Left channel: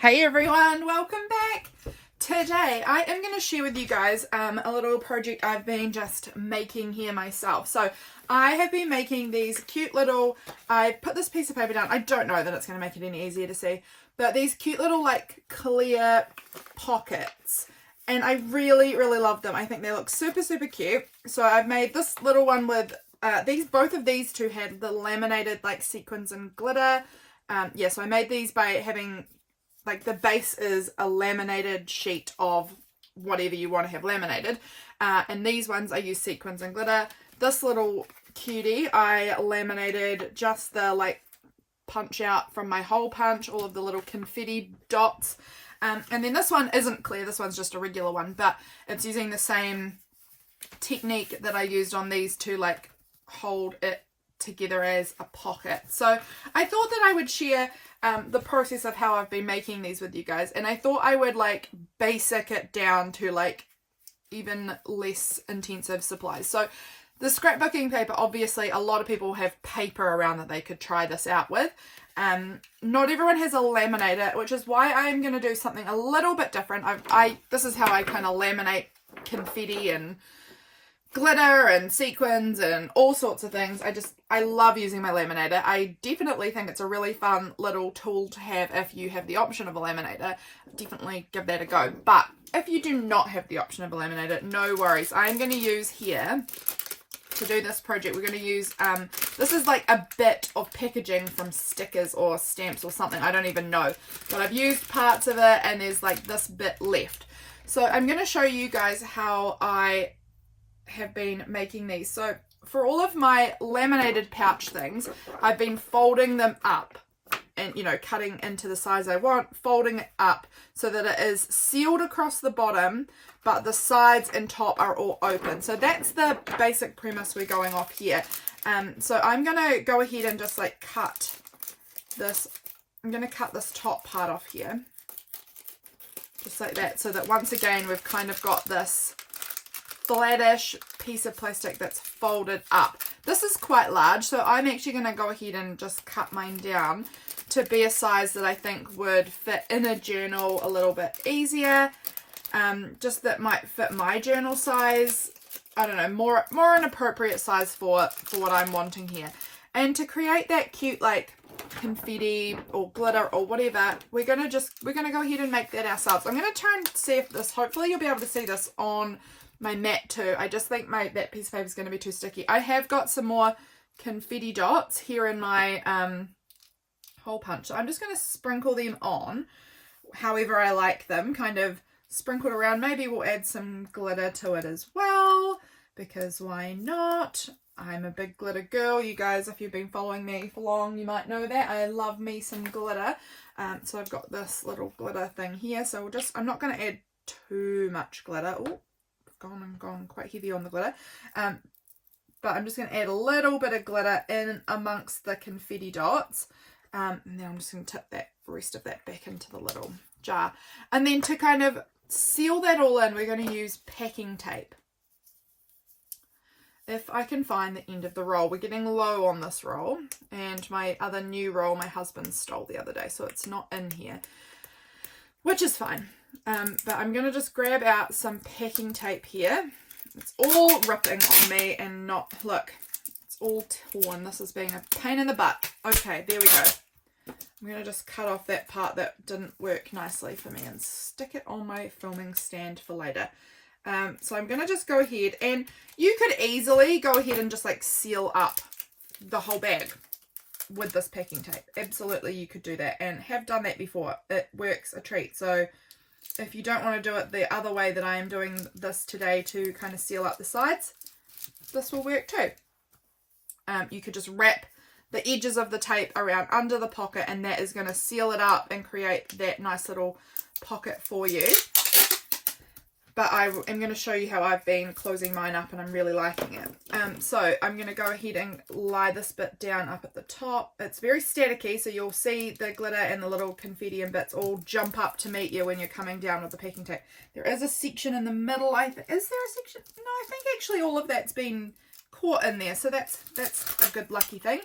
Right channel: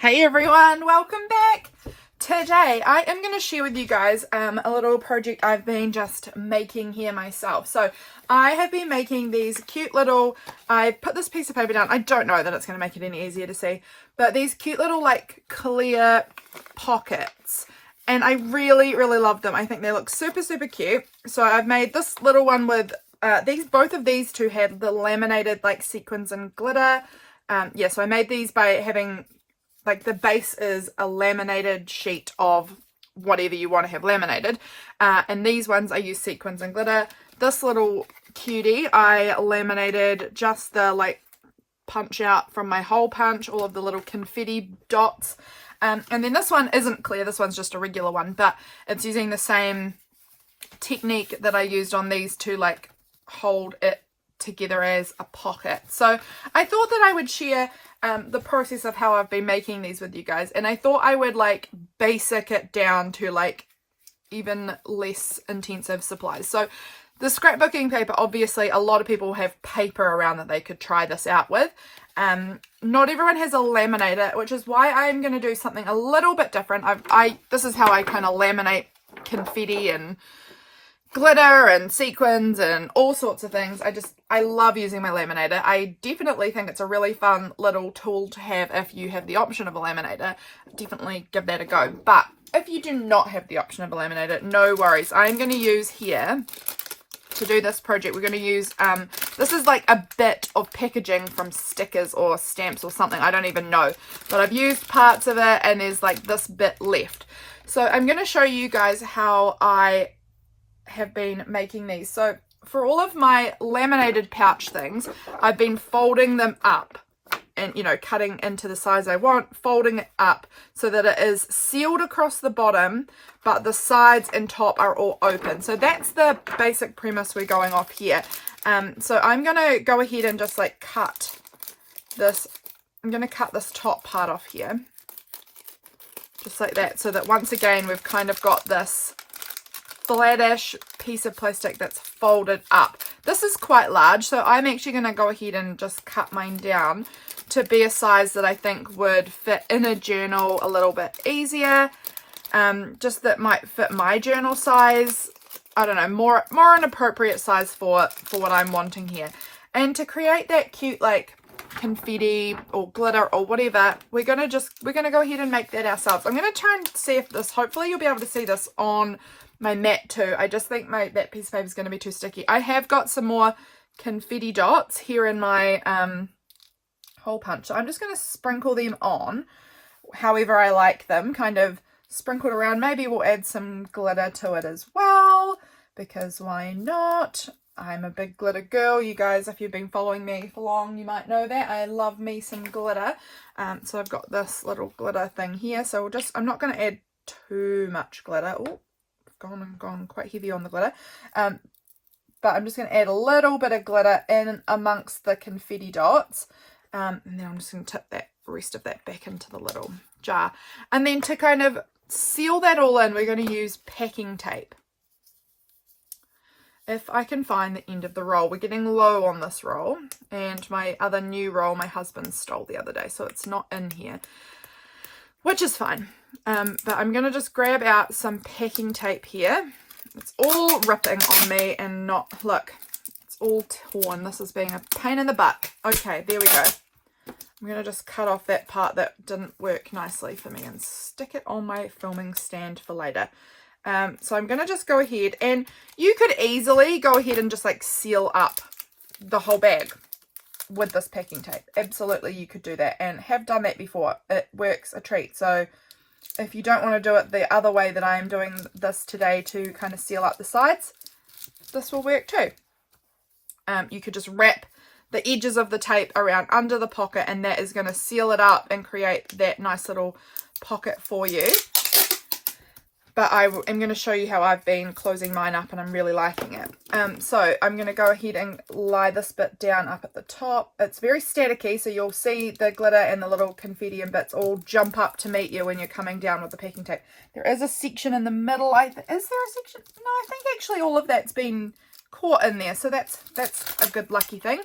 Hey everyone, welcome back. Today I am going to share with you guys a little project I've been just making here myself. So I have been making these cute little, I put this piece of paper down, I don't know that it's going to make it any easier to see, but these cute little like clear pockets, and I really love them. I think they look super cute. So I've made this little one with both of these two had the laminated like sequins and glitter. Yeah, so I made these by having like the base is a laminated sheet of whatever you want to have laminated, and these ones I use sequins and glitter. This little cutie I laminated just the like punch out from my hole punch, all of the little confetti dots, and then this one isn't clear, this one's just a regular one, but it's using the same technique that I used on these to like hold it together as a pocket. So I thought that I would share the process of how I've been making these with you guys, and I thought I would like basic it down to like even less intensive supplies. So the scrapbooking paper, obviously a lot of people have paper around that they could try this out with. Not everyone has a laminator, which is why I'm going to do something a little bit different. This is how I kind of laminate confetti and glitter and sequins and all sorts of things. I love using my laminator. I definitely think it's a really fun little tool to have if you have the option of a laminator. Definitely give that a go. But if you do not have the option of a laminator, no worries. I'm going to use here, to do this project, we're going to use, this is like a bit of packaging from stickers or stamps or something. I don't even know. But I've used parts of it and there's like this bit left. So I'm going to show you guys how I have been making these. So for all of my laminated pouch things, I've been folding them up and, you know, cutting into the size I want, folding it up so that it is sealed across the bottom, but the sides and top are all open. So that's the basic premise we're going off here. So I'm going to go ahead and just like cut this. I'm going to cut this top part off here, just like that, so that once again we've kind of got this flattish piece of plastic that's folded up. This is quite large, so I'm actually going to go ahead and just cut mine down to be a size that I think would fit in a journal a little bit easier. Just that might fit my journal size. I don't know, more an appropriate size for what I'm wanting here. And to create that cute like confetti or glitter or whatever, we're gonna go ahead and make that ourselves. I'm gonna try and see if this, hopefully you'll be able to see this on my mat too. I just think that piece of paper is going to be too sticky. I have got some more confetti dots here in my hole punch, so I'm just going to sprinkle them on however I like them, kind of sprinkled around. Maybe we'll add some glitter to it as well, because why not? I'm a big glitter girl. You guys, if you've been following me for long, you might know that I love me some glitter. So I've got this little glitter thing here, so I'm not going to add too much glitter. Oh, gone quite heavy on the glitter, but I'm just going to add a little bit of glitter in amongst the confetti dots, and then I'm just going to tip that rest of that back into the little jar. And then to kind of seal that all in, we're going to use packing tape. If I can find the end of the roll. We're getting low on this roll, and my other new roll my husband stole the other day, so it's not in here, which is fine. But I'm going to just grab out some packing tape here. It's all ripping on me and not, look, it's all torn. This is being a pain in the butt. Okay, there we go. I'm going to just cut off that part that didn't work nicely for me and stick it on my filming stand for later. So I'm going to just go ahead, and you could easily go ahead and just like seal up the whole bag with this packing tape. Absolutely, you could do that, and have done that before. It works a treat. So if you don't want to do it the other way that I am doing this today to kind of seal up the sides, this will work too. You could just wrap the edges of the tape around under the pocket, and that is going to seal it up and create that nice little pocket for you. But I am going to show you how I've been closing mine up, and I'm really liking it. So I'm going to go ahead and lie this bit down up at the top. It's very staticky, so you'll see the glitter and the little confetti and bits all jump up to meet you when you're coming down with the packing tape. There is a section in the middle. Is there a section? No, I think actually all of that's been caught in there, so that's a good lucky thing.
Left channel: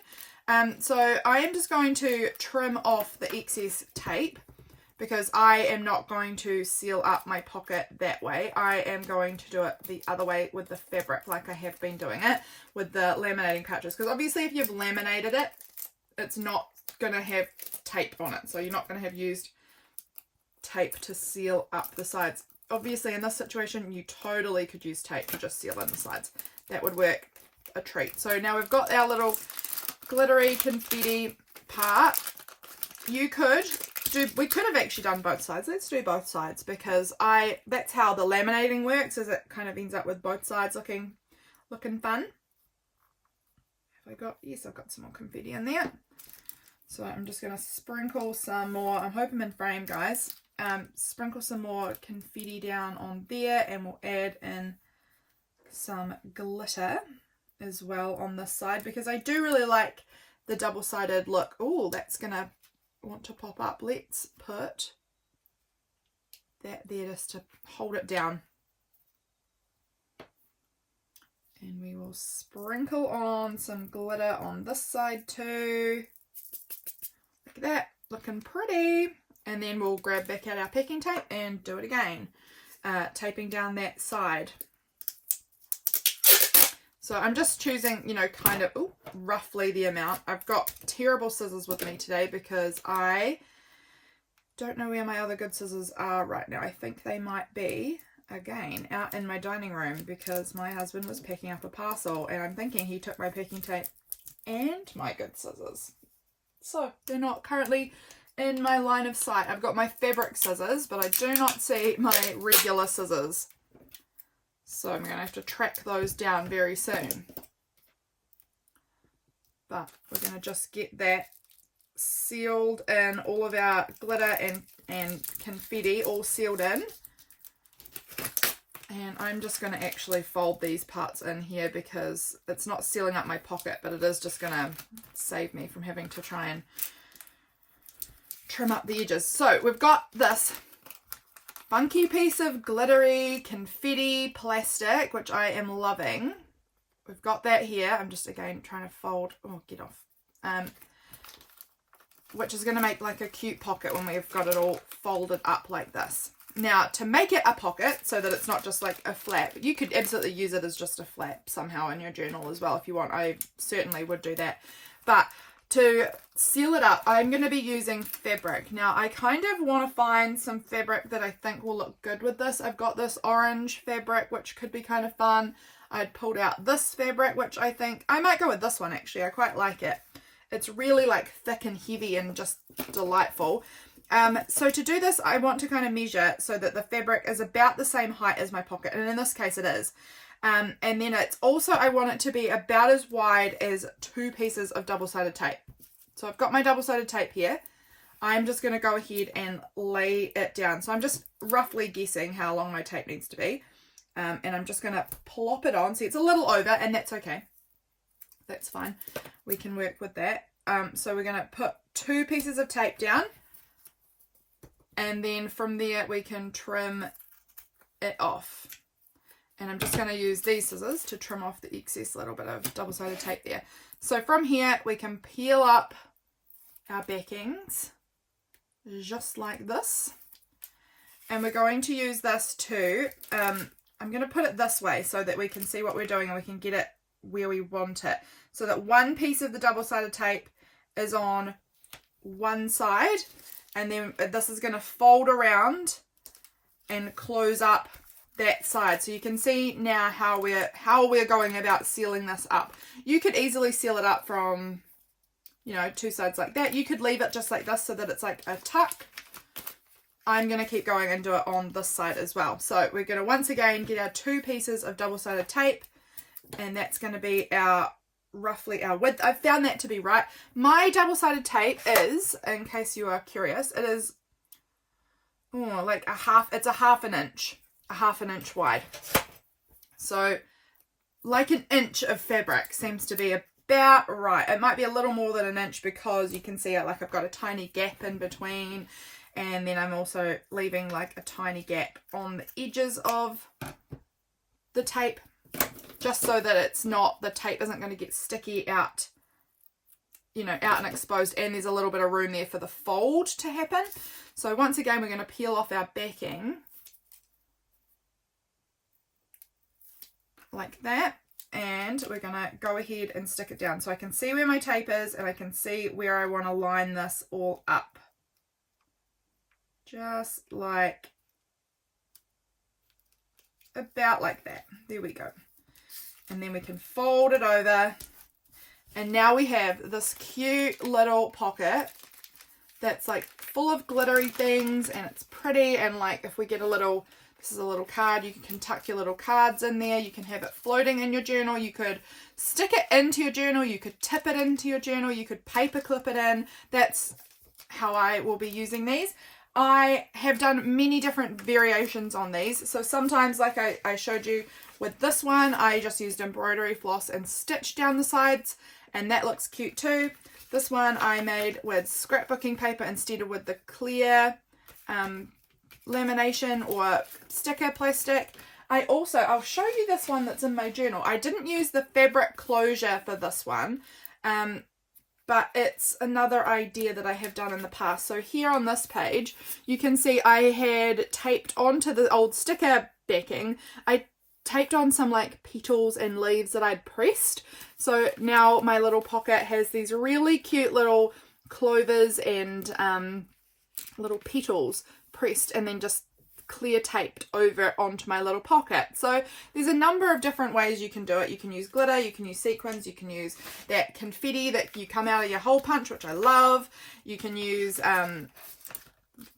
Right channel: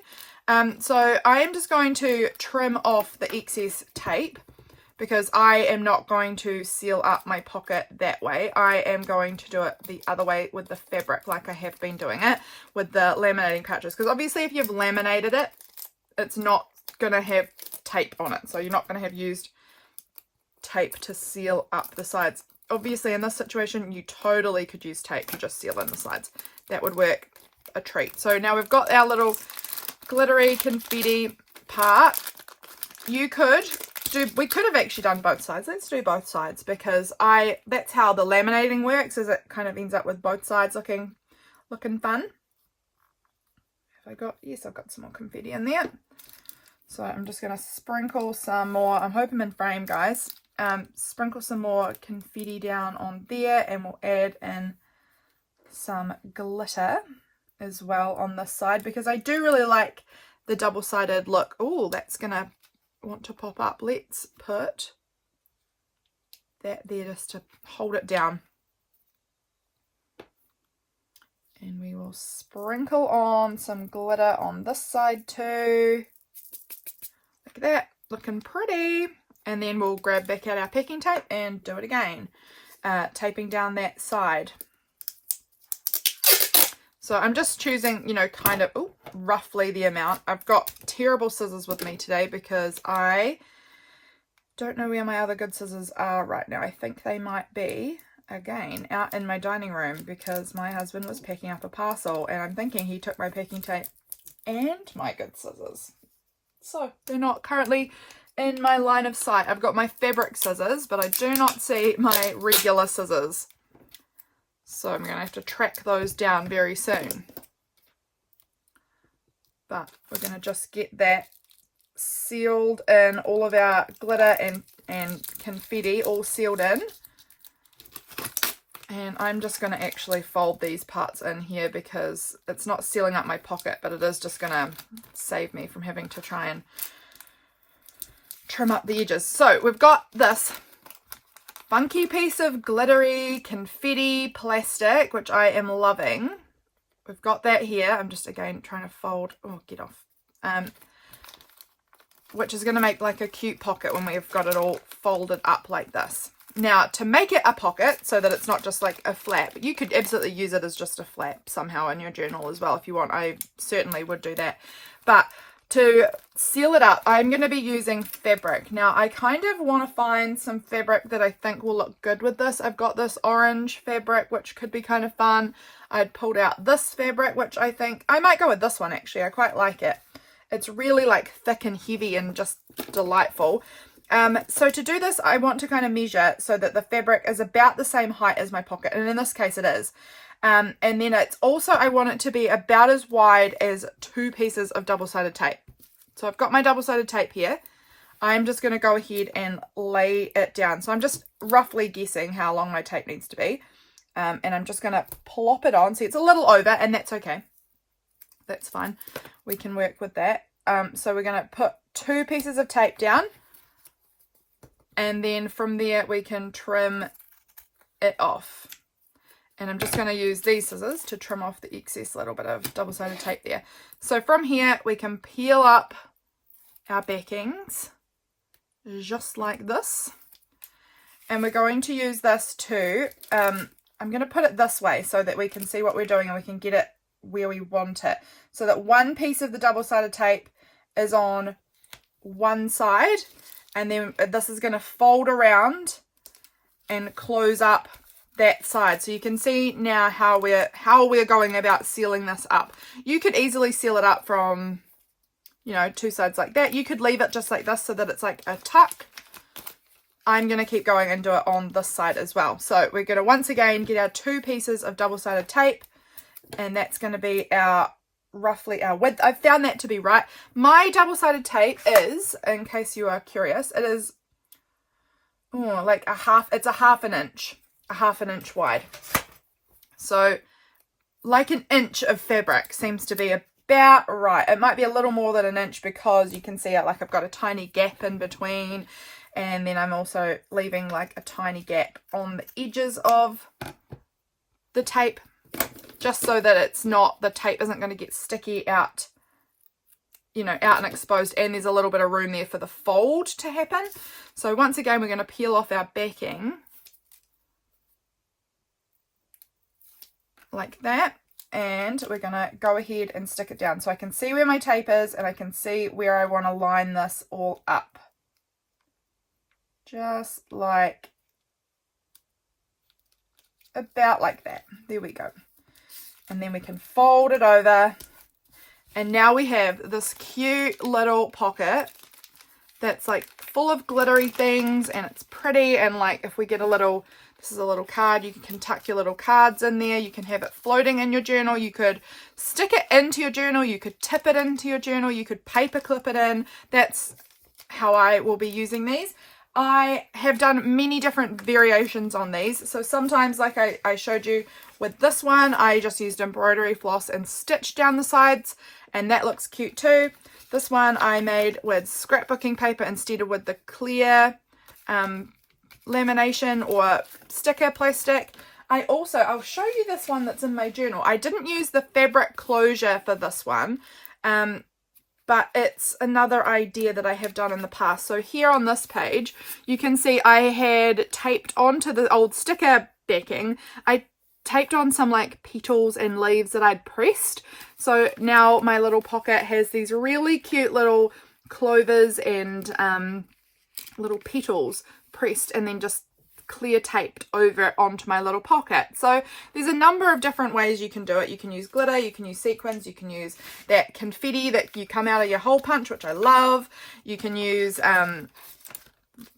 So I am just going to trim off the excess tape because I am not going to seal up my pocket that way. I am going to do it the other way with the fabric, like I have been doing it with the laminating pouches. Because obviously if you've laminated it, it's not going to have tape on it. So you're not going to have used tape to seal up the sides. Obviously in this situation, you totally could use tape to just seal in the sides. That would work a treat. So now we've got our little glittery confetti part. We could have actually done both sides. Let's do both sides, because that's how the laminating works, is it kind of ends up with both sides looking fun. Yes, I've got some more confetti in there. So I'm just going to sprinkle some more. I'm hoping in frame, guys. Sprinkle some more confetti down on there, and we'll add in some glitter as well on this side, because I do really like the double-sided look. Oh, that's gonna want to pop up. Let's put that there just to hold it down, and we will sprinkle on some glitter on this side too. Look at that, looking pretty. And then we'll grab back out our packing tape and do it again, taping down that side. So I'm just choosing, you know, kind of roughly the amount. I've got terrible scissors with me today because I don't know where my other good scissors are right now. I think they might be, again, out in my dining room, because my husband was packing up a parcel and I'm thinking he took my packing tape and my good scissors. So they're not currently in my line of sight. I've got my fabric scissors, but I do not see my regular scissors. So I'm going to have to track those down very soon. But we're going to just get that sealed in, all of our glitter and confetti all sealed in. And I'm just going to actually fold these parts in here, because it's not sealing up my pocket, but it is just going to save me from having to try and trim up the edges. So we've got this funky piece of glittery confetti plastic, which I am loving. We've got that here. I'm just again trying to fold. Oh, get off. Which is going to make like a cute pocket when we've got it all folded up like this. Now, to make it a pocket so that it's not just like a flap, you could absolutely use it as just a flap somehow in your journal as well if you want. I certainly would do that. But to seal it up, I'm going to be using fabric. Now, I kind of want to find some fabric that I think will look good with this. I've got this orange fabric, which could be kind of fun. I'd pulled out this fabric, which I think I might go with this one, actually. I quite like it. It's really like thick and heavy and just delightful. So to do this, I want to kind of measure so that the fabric is about the same height as my pocket. And in this case, it is. And then it's also, I want it to be about as wide as 2 pieces of double-sided tape. So I've got my double-sided tape here. I'm just going to go ahead and lay it down. So I'm just roughly guessing how long my tape needs to be. And I'm just going to plop it on. See, it's a little over, and that's okay. That's fine. We can work with that. So we're going to put 2 pieces of tape down. And then from there, we can trim it off. And I'm just going to use these scissors to trim off the excess little bit of double-sided tape there. So from here, we can peel up our backings just like this. And we're going to use this to, I'm going to put it this way so that we can see what we're doing and we can get it where we want it. So that one piece of the double-sided tape is on one side, and then this is going to fold around and close up that side. So you can see now how we're going about sealing this up. You could easily seal it up from, you know, 2 sides like that. You could leave it just like this so that it's like a tuck. I'm going to keep going and do it on this side as well. So we're going to once again get our 2 pieces of double-sided tape, and that's going to be our roughly our width. I've found that to be right. My double-sided tape is, in case you are curious, it is like it's a half an inch wide. So like an inch of fabric seems to be about right. It might be a little more than an inch because you can see like I've got a tiny gap in between, and then I'm also leaving like a tiny gap on the edges of the tape, just so that it's not, the tape isn't going to get sticky out you know, out and exposed, and there's a little bit of room there for the fold to happen. So once again, we're going to peel off our backing like that, and we're going to go ahead and stick it down so I can see where my tape is and I can see where I want to line this all up. Just like, about like that. There we go. And then we can fold it over, and now we have this cute little pocket that's like full of glittery things, and it's pretty, and like if we get a little, this is a little card, you can tuck your little cards in there, you can have it floating in your journal, you could stick it into your journal, you could tip it into your journal, you could paper clip it in. That's how I will be using these. I have done many different variations on these. So sometimes, like I showed you with this one, I just used embroidery floss and stitched down the sides, and that looks cute too. This one I made with scrapbooking paper instead of with the clear lamination or sticker plastic. I'll show you this one that's in my journal. I didn't use the fabric closure for this one, but it's another idea that I have done in the past. So here on this page, you can see I had taped onto the old sticker backing, I taped on some like petals and leaves that I'd pressed. So now my little pocket has these really cute little clovers and little petals pressed and then just clear taped over onto my little pocket. So there's a number of different ways you can do it. You can use glitter, you can use sequins, you can use that confetti that you come out of your hole punch, which I love. You can use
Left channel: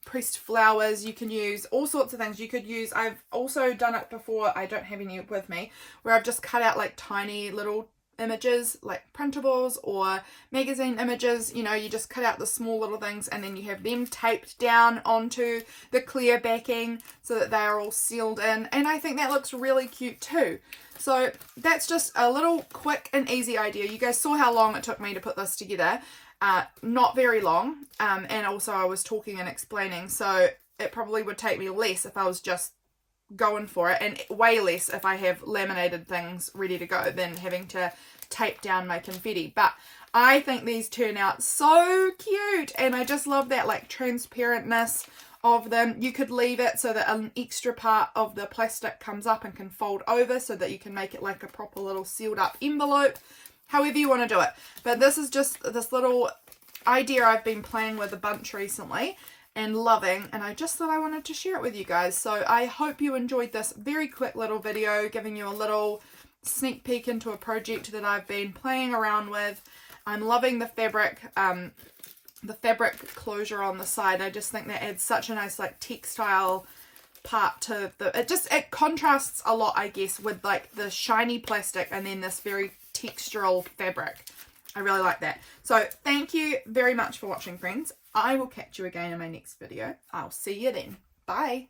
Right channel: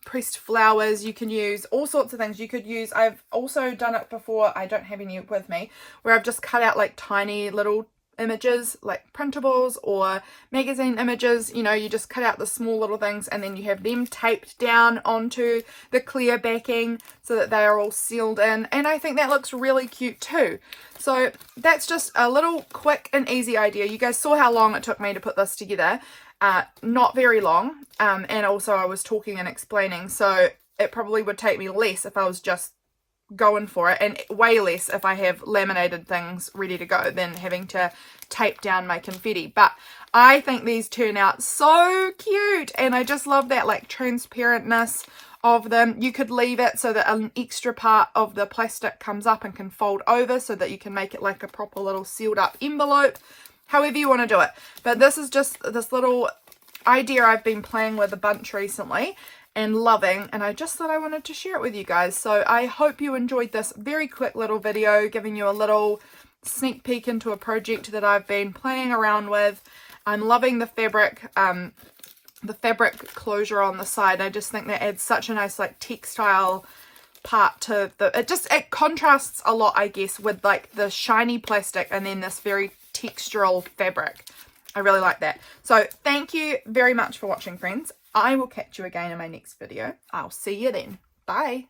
pressed flowers, you can use all sorts of things. You could use, I've also done it before, I don't have any with me, where I've just cut out like tiny little images, like printables or magazine images. You know, you just cut out the small little things and then you have them taped down onto the clear backing so that they are all sealed in, and I think that looks really cute too. So that's just a little quick and easy idea. You guys saw how long it took me to put this together. Not very long, and also I was talking and explaining, so it probably would take me less if I was just going for it, and way less if I have laminated things ready to go than having to tape down my confetti. But I think these turn out so cute, and I just love that like transparentness of them. You could leave it so that an extra part of the plastic comes up and can fold over so that you can make it like a proper little sealed up envelope, however you want to do it. But this is just this little idea I've been playing with a bunch recently and loving, and I just thought I wanted to share it with you guys. So I hope you enjoyed this very quick little video giving you a little sneak peek into a project that I've been playing around with. I'm loving the fabric closure on the side. I just think that adds such a nice like textile part to the, it contrasts a lot, I guess, with like the shiny plastic and then this very textural fabric. I really like that. So thank you very much for watching, friends. I will catch you again in my next video. I'll see you then. Bye.